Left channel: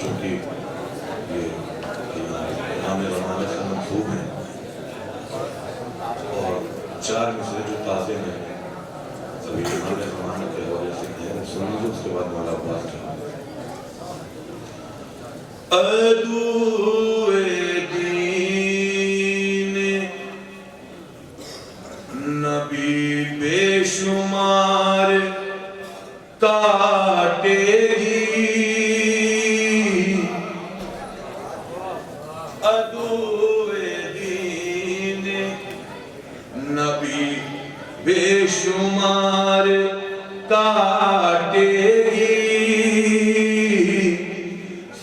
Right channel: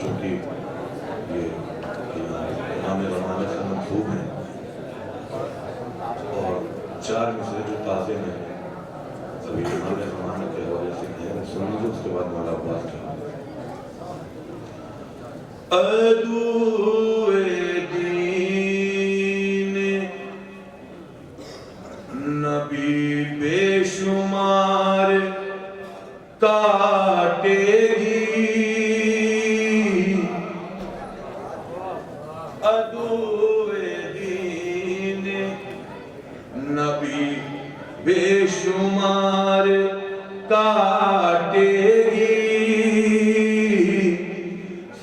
چونکہ یہ امام زمانے سے منسوب ہیں اور 4 مصرے جو تازے ہیں ابھی امام زمانے کے حوالے سے ہیں، سن لیجیے، اس کے بعد مولا عباس کا ادوئے دین نبی بے شمار کاٹے گی، ادوئے دین نبی بے شمار کاٹے گی،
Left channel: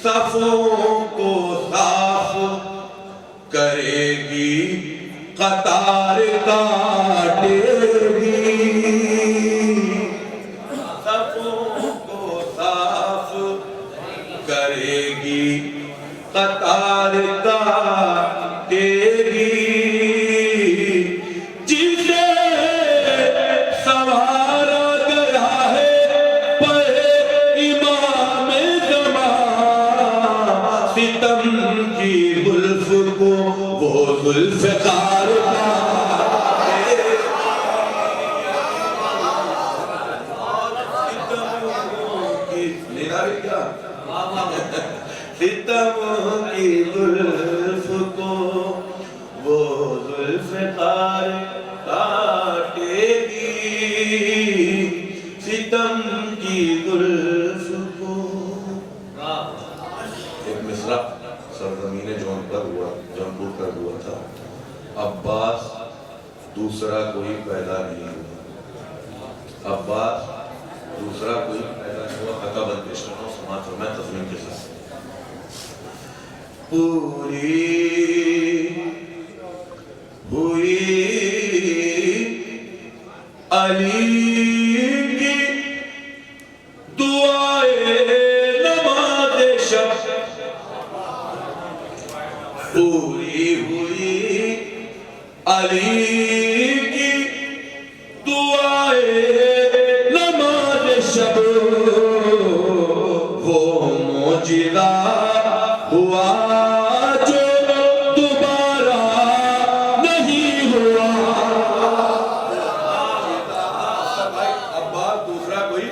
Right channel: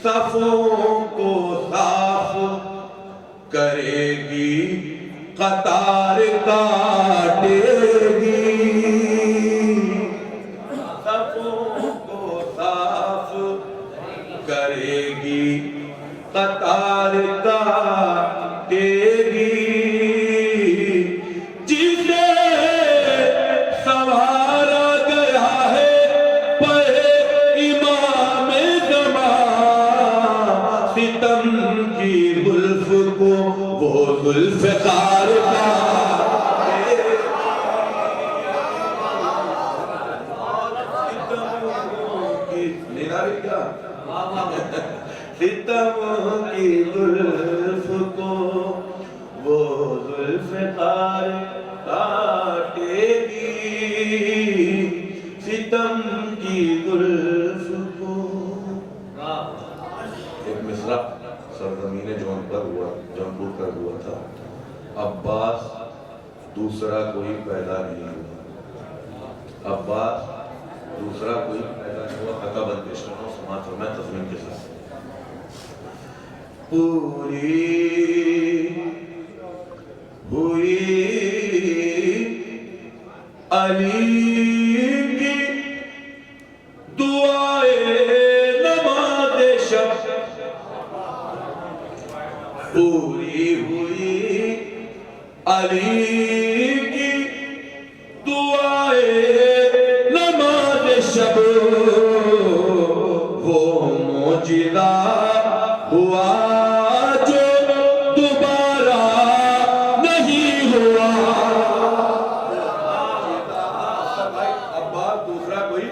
صفوں کو صاف کرے گی، قطار کاٹے گی، صفوں کو صاف کرے گی، قطار کاٹے گی، جسے سوارا گیا ہے پر امام زمان، ستم کی زلف کو وہ ذوالفقار کاٹے گی، ستم کی زلف کو وہ ذوالفقار کاٹے گی، ستم کی زلف کو۔ ایک مصرع سرزمین جونپور پر ہوا تھا، عباس دوسرا کوئی پیدا نہیں ہوا، عباس دوسرا کوئی پیدا نہیں ہوا، حقا بند پیش کرنا سماعت فرمائے تضمین کے ساتھ۔ پوری ہوئی علی کی دعائے نماز شب، پوری ہوئی علی کی دعائے نماز شب، وہ معجزہ ہوا جو دوبارہ نہیں ہوا، عباس دوسرا کوئی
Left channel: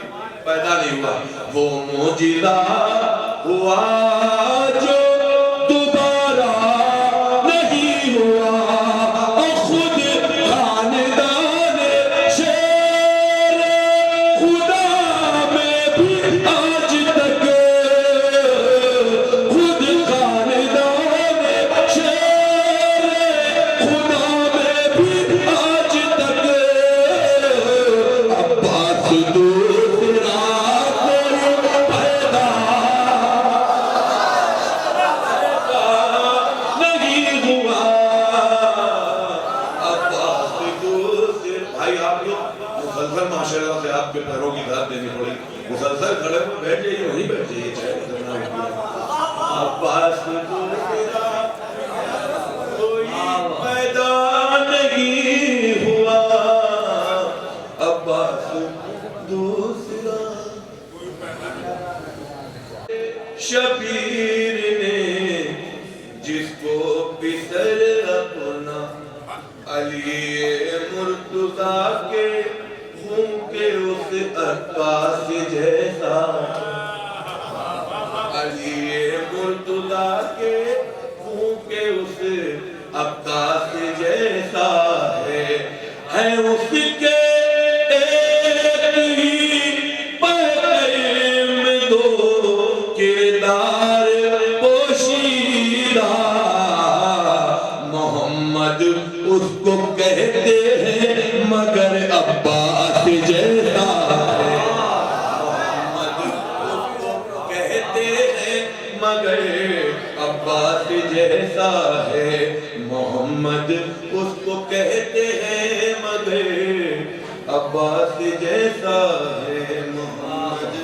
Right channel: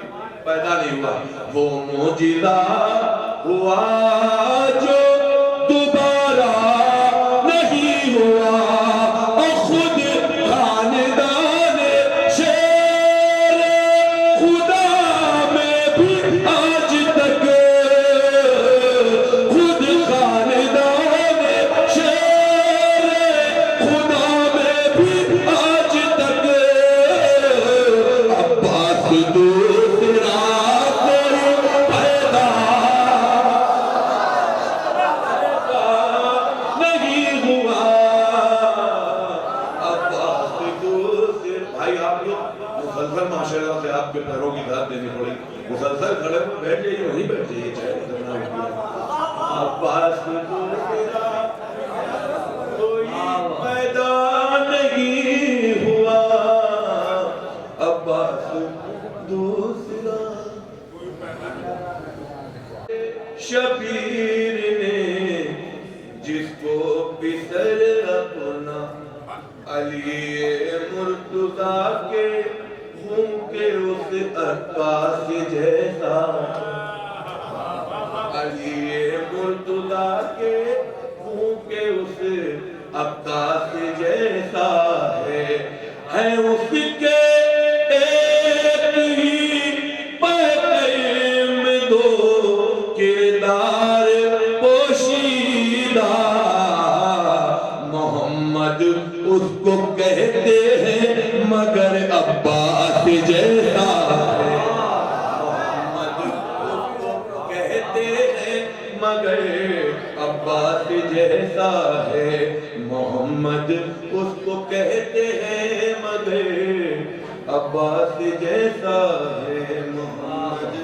پیدا نہیں ہوا، وہ معجزہ ہوا جو دوبارہ نہیں ہوا، اور خود خاندان شیر خدا میں بھی آج تک، خود خاندان شیر خدا میں بھی آج تک، عباس دوسرا کوئی پیدا نہیں ہوا، عباس دوسرا۔ بھائی آپ لوگ مسلسل ماشاءاللہ سے آپ کے پیروں کی داد دینی پڑی، مسلسل کھڑے میں بیٹھ جائیے، وہیں بیٹھ جائیے، چاہے اتنا ہوتی ہے۔ عباس دوسرا کوئی پیدا نہیں ہوا، عباس دوسرا۔ شبیر نے جس کو پسر اپنا علی مرتضیٰ کے خون کے اس عباس جیسا، علی مرتضیٰ کے خون کے اس عباس جیسا ہے اس کے ایک ہی پہلے میں دو کردار پوشیدہ، محمد اس کو کہتے ہیں مگر عباس جیسا ہے، محمد اس کو کہتے ہیں مگر عباس جیسا ہے، محمد اس کو کہتے ہیں مگر عباس جیسا ہے، محمد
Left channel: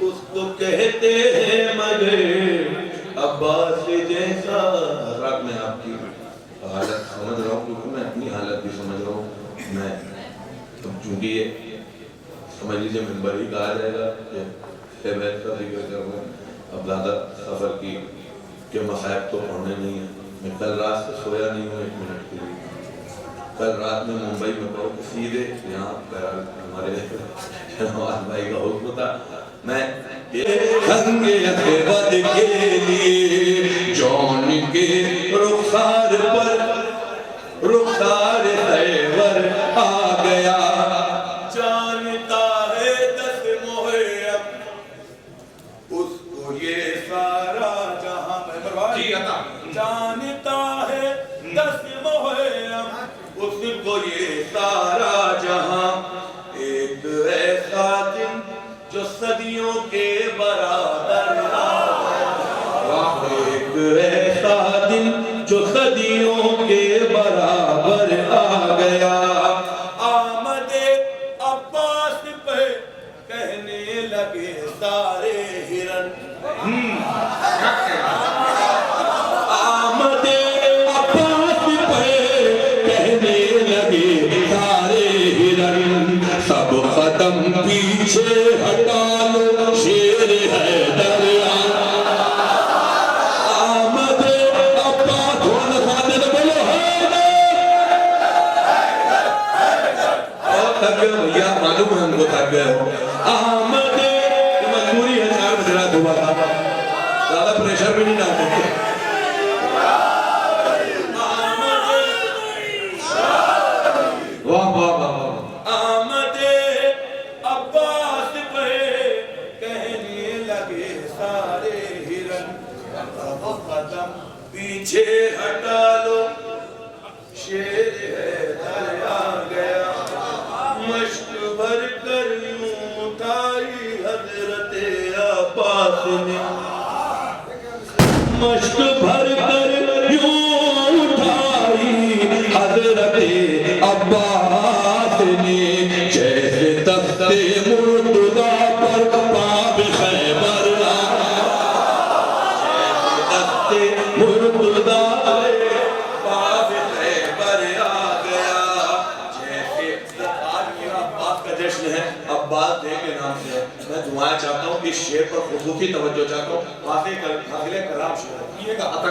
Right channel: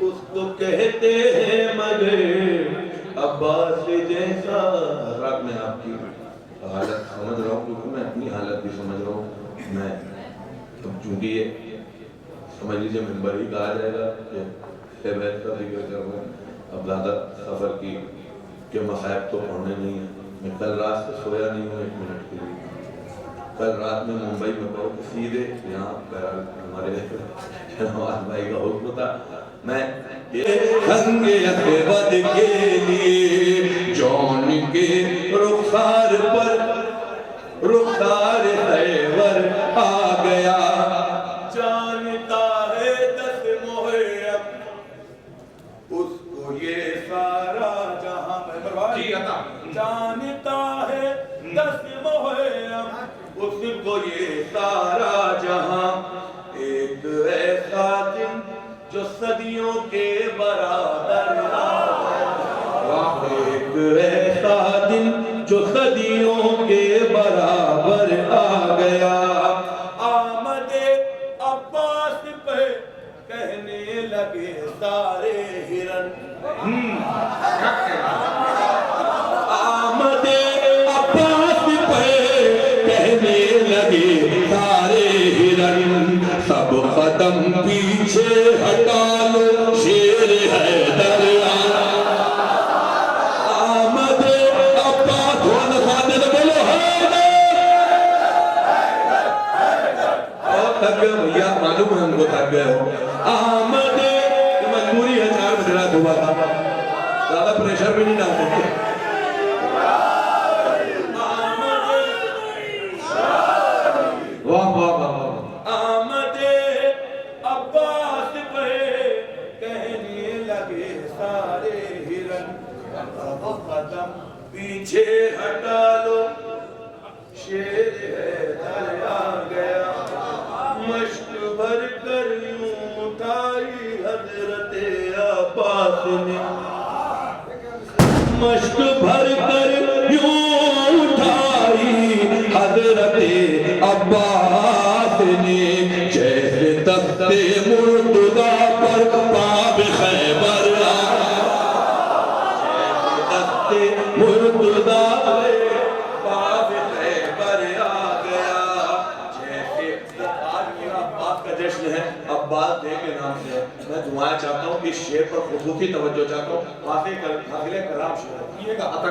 اس کو کہتے ہیں مگر عباس جیسا۔ حضرات میں آپ کی حالت سمجھ رہا ہوں کیونکہ میں اپنی حالت بھی سمجھ رہا ہوں، میں چونکہ یہ سمجھ لیجیے منبر ہی کہا جائے گا کہ بیت کا ذکر کر رہا ہوں، اب زیادہ سفر کی کہ مصائب تو پڑھنے نہیں ہیں. میں کل رات سے سویا نہیں ہوں 1 منٹ کے لیے. کل رات میں ممبئی میں پڑھوں کہ سیدھے یہاں ہمارے نواز بھائی کا حکم تھا. میں رنگ اسود کے لیے جون کے رخسار پر رخسار خیبر آ گیا. جانتا ہے 10 محرم اس کو یہ سارا جہاں. جی عطا. جانتا ہے 10 محرم اس کو یہ سارا جہاں. ایک ایسا دن جو صدیوں کے برابر ایک ایسا دن جو صدیوں کے برابر آ گیا. آمد عباس پہ کہنے لگے سارے ہرن. آمد عباس پہ کہنے لگے سارے ہرن. سب ختم پیچھے ہٹا لو شیر حیدر. آمد عباس بولو تھک گئے بھیا, معلوم ہے ہم کو تھک گئے ہو. آمد مجبوری ہے 4 بجے رات ہوا تھا, زیادہ پریشر بھی نہیں ڈالتے. واہ واہ واہ. آمد عباس پہ کہنے لگے سارے ہرن. قدم پیچھے ہٹا لو شیر حیدر آ گیا. مشک بھر کر یوں اٹھائی حضرت عباس نے. مشک بھر کر یوں اٹھائی حضرت عباس نے. جیسے تختے مرتضیٰ پر باب خیبر تختے مرتضیٰ باب خیبر آ گیا. جیسے آج میرا عباس کا جشن ہے, عباس دے کے نام سے. میں دعائیں چاہتا ہوں, اس شعر پر خصوصی توجہ چاہتا ہوں. حاصل کلام شعر ہے, یہ کہا تھا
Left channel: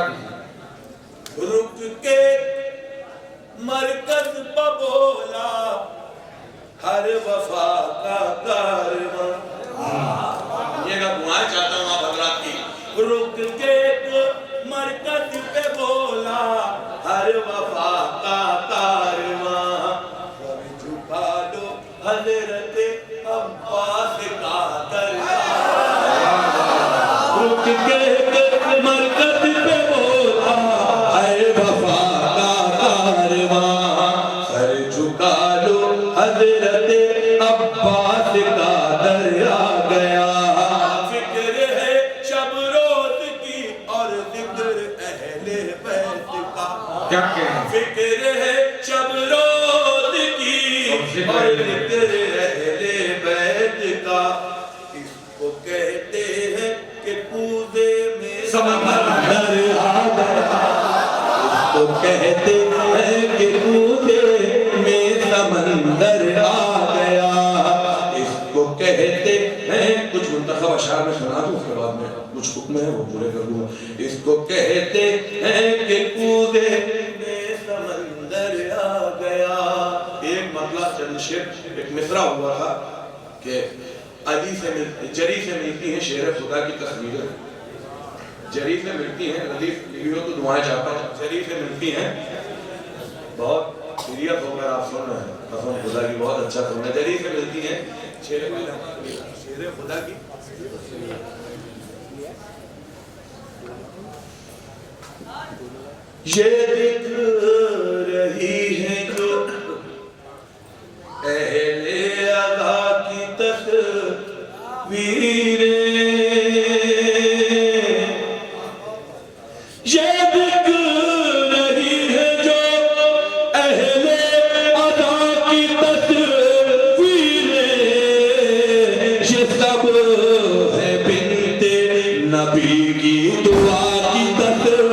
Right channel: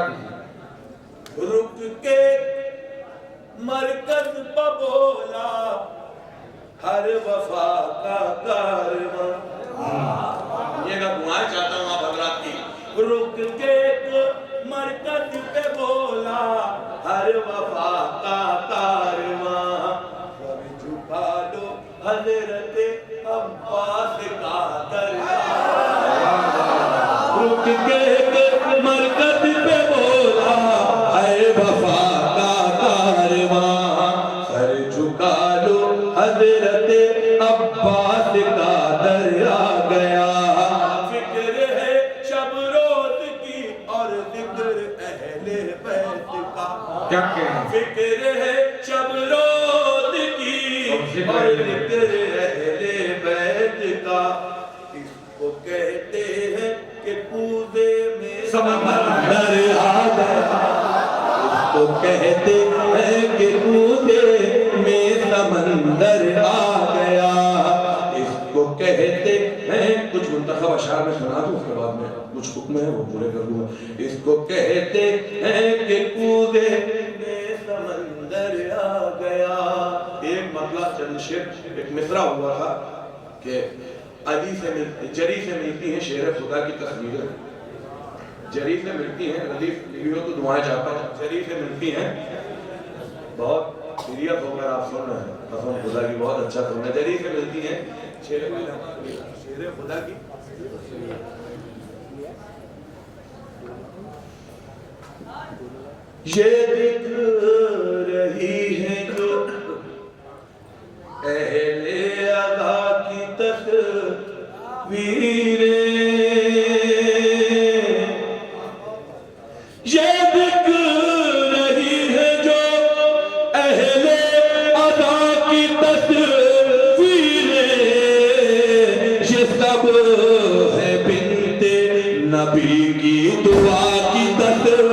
رک کے مرکز پہ بولا ہر وفا کا کارواں. یہ کا دعائیں چاہتا ہوں آپ حضرات کی. رک کے مرکز پہ بولا ہر وفا کا کارواں. سر جھکا دو حضرت عباس کا دربار. رک کے مرکز پہ بولا ہر وفا کا کارواں. سر جھکا لو حضرت عباس کا در آ گیا. فکر ہے شب روز کی اور ذکر اہل بیت کا. کیا کہیں فکر ہے شب روز کی اور ذکر اہل بیت کا. اس کو کہتے ہیں کہ کوزے میں سمندر آ گیا. اس کو کہتے ہیں کہ کوزے میں سمندر آ گیا. اس کو کہتے ہیں, کچھ منتخب اشعار میں سنا دوں, اس کے بعد میں کچھ حکم ہے وہ پورے کر دوں. اس کو کہتے ہیں کہ کوزے میں سمندر آ گیا. ایک مطلب چند شعر ایک مصرع ہوا تھا کہ علی سے جری سے ملتی ہیں شیر خدا کی تصویریں. جری سے ملتی ہیں, ردیف لکھیو تو دعائیں چاہتا ہوں. جری سے ملتی ہیں, بہت سیریت ہو کر آپ سن رہے ہیں, قسم خدا کی بہت اچھا سننا. جری سے ملتی ہیں شیر خدا کی. یہ دکھ رہی ہے جو اہل عزا کی تصویریں. یہ دکھ رہی ہے جو اہل عزا کی تصویریں. یہ سب ہے بنت نبی کی دعا کی تصویریں.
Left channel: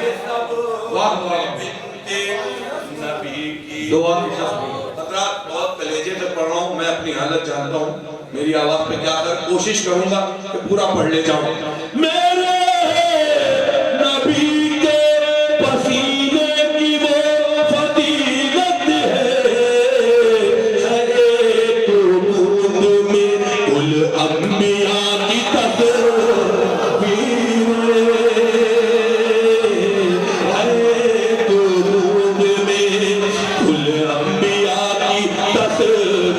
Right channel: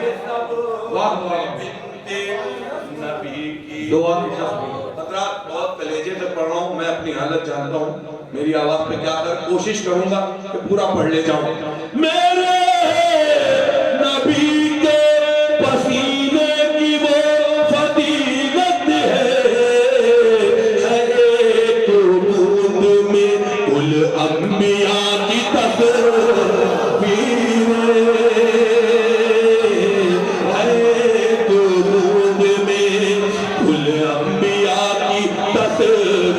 یہ سب بنت نبی کی دعا کی تصویریں. حضرات بہت کلیجے سے پڑھ رہا ہوں, میں اپنی حالت جانتا ہوں. میری آواز پہ کیا کر کوشش کروں گا کہ پورا پڑھ لے جاؤں. میرے نبی کے پسینے کی وہ فضیلت ہے ایک بوند میں کل انبیاء کی تصویر ہے ایک بوند میں کل انبیاء کی تصویر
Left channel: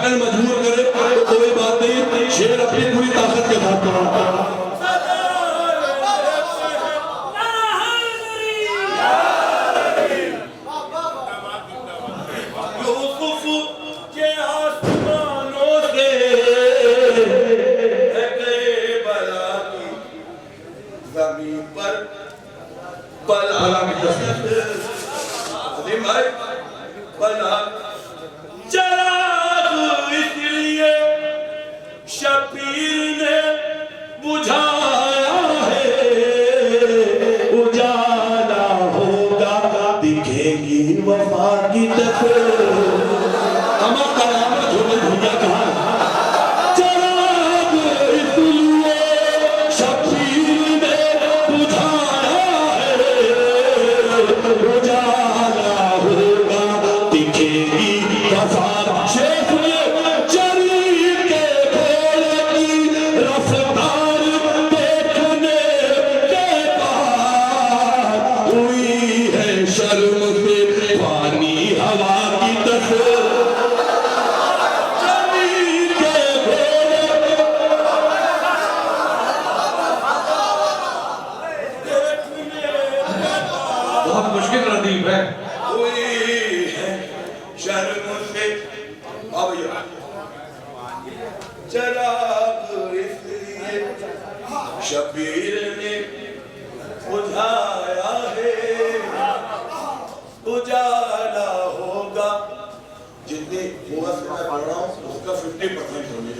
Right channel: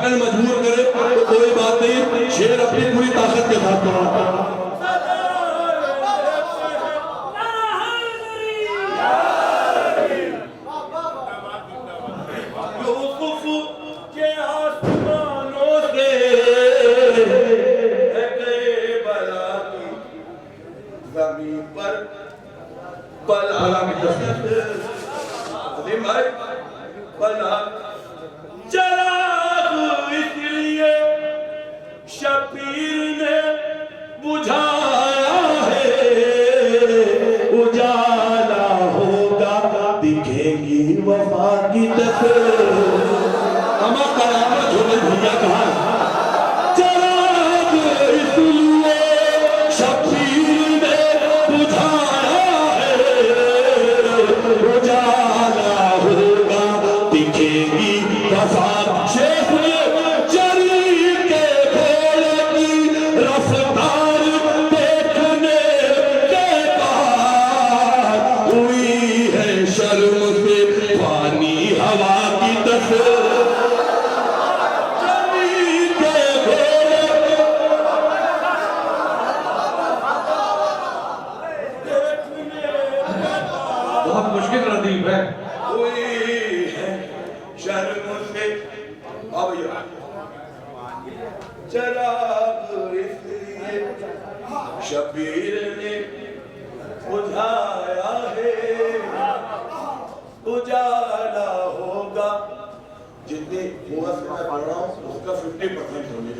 مجبور کرے تو کوئی بات نہیں شیر اپنی پوری طاقت کے ساتھ پڑھا یوسف کے آسمانوں سے گئے بلا کی زمین پر بلا کی تصویر عظیم بھائی بلا چلا شبیر نے بجھایا ہے اجالا ہوگا دکھیں گی وفا کی تصویر اما قیامت ہو گئی بھیا کہاں چراغ اس لیے شبیر نے بجھایا ہے اجالا ہوگا دکھیں گی وفا شیخ نے بہت مشکل ردیف ہے کوئی ہے شرم سے چراغ اس لیے شبیر نے بجھایا ہے اجالا ہوگا جتنی موت سے میں پڑھ رہا ہوں اس کا 50% ہونے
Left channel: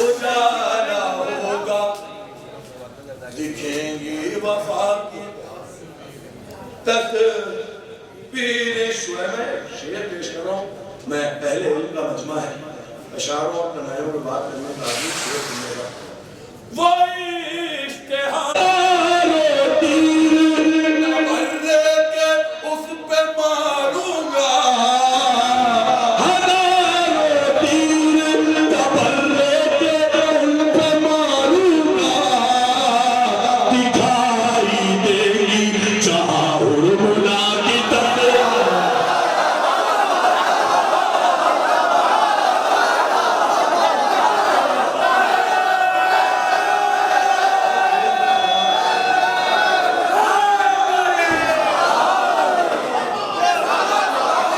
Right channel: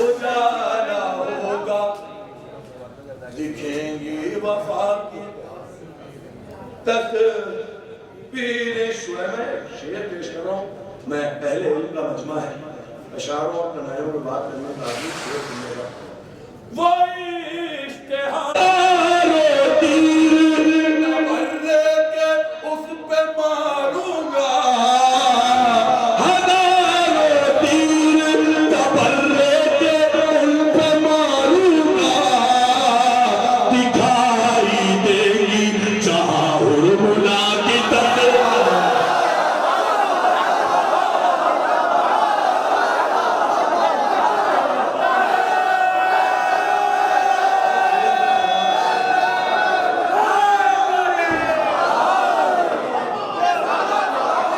اجالا ہوگا دکھیں گی وفا کی تصویر شعر میں شعر پیش کر رہا ہوں میں اہل علم کا مجمع ہے اشعاروں اور کنائیوں میں بات کرنے کا عزیز شعر سننے کا وہ اشتہار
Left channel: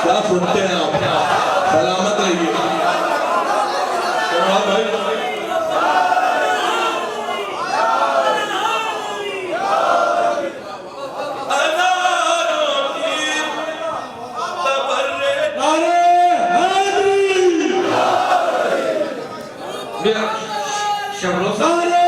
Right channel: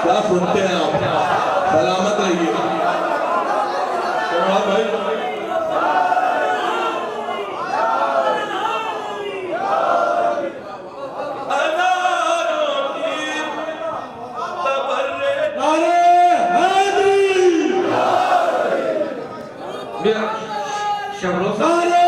کیا سنتے ہیں آپ سلامت رہیے بھائی شبرو سارے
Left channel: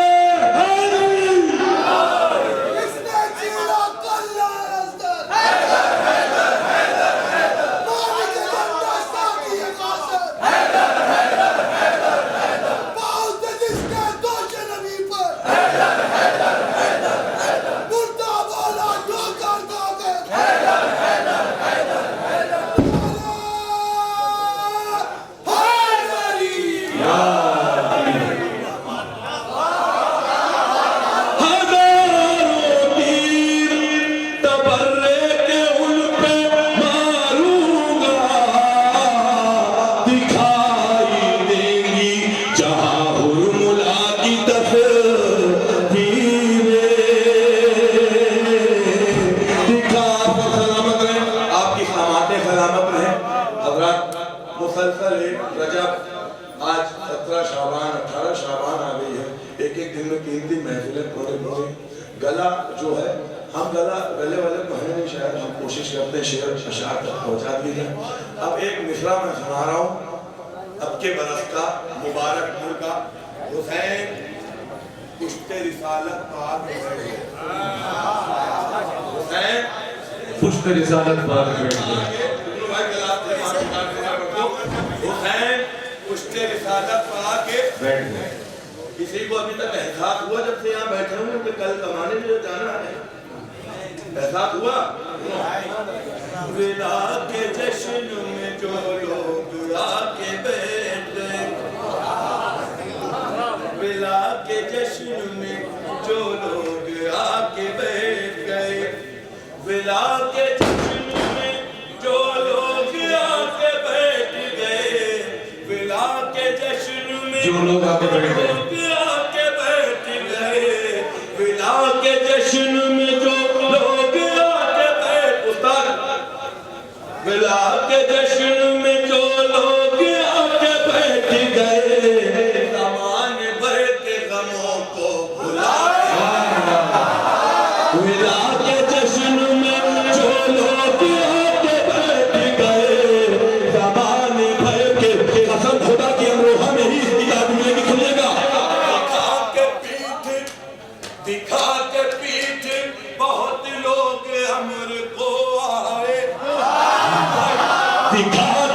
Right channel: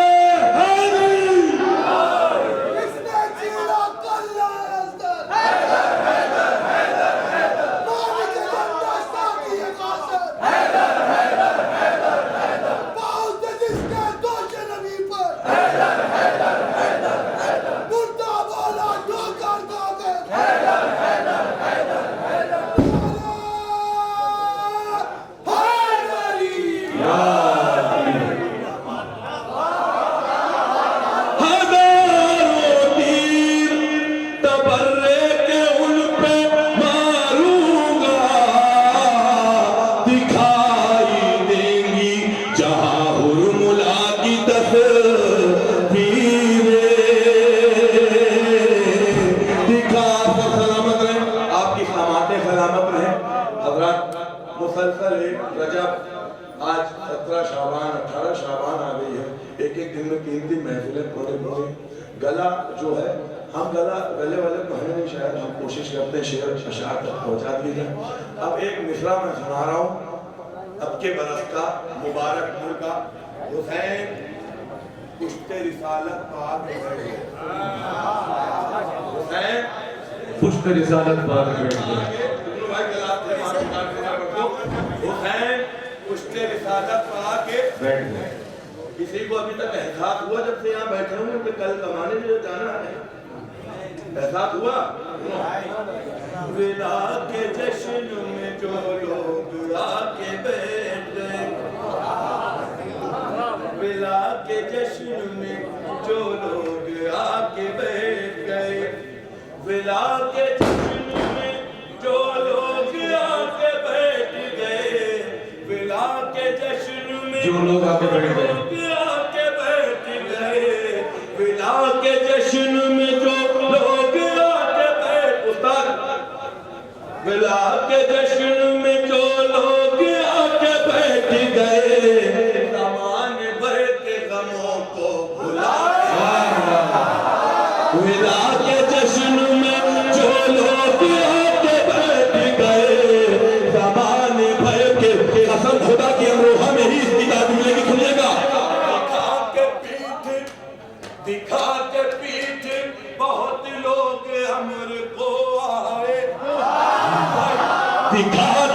اشعار تک پہنچا دیجیے. اب ایک مصرع میں سنا رہا ہوں اب کے برس کا مبارک پور کا. حسین پشت رسالت پاک بیٹھ گئے. حسین پشت رسالت پاک بیٹھ گئے. حسین پشت رسالت پاک بیٹھ گئے. کسی کو ابھی تک احساس ہوا جب سے یہاں بیٹھے ہوں کہ کل کمانے میں جو جانا ہے؟ احساس ہوا؟ ولا کے جشن میں جو لوگ آ کے بیٹھ گئے, ولا کے جشن میں جو لوگ آ کے بیٹھ گئے, ولا کے جشن میں جو لوگ آ کے بیٹھ گئے, ولا کے جشن میں جو لوگ آ کے بیٹھ گئے, ولا کے جشن میں جو لوگ آ کے بیٹھ, استاد ولا کے جشن میں جو لوگ آ کے بیٹھ گئے, زمان بھر کے غموں کو بھلا کے, ولا کے جشن میں جو لوگ آ کے بیٹھ گئے, زمان بھر کے, قسم خدا کی امروہہ میں ہی اس کی یاد ملے گی. سنیے گا, دکھا کے پیٹھ بہت لوگ امر کو آئے, دکھا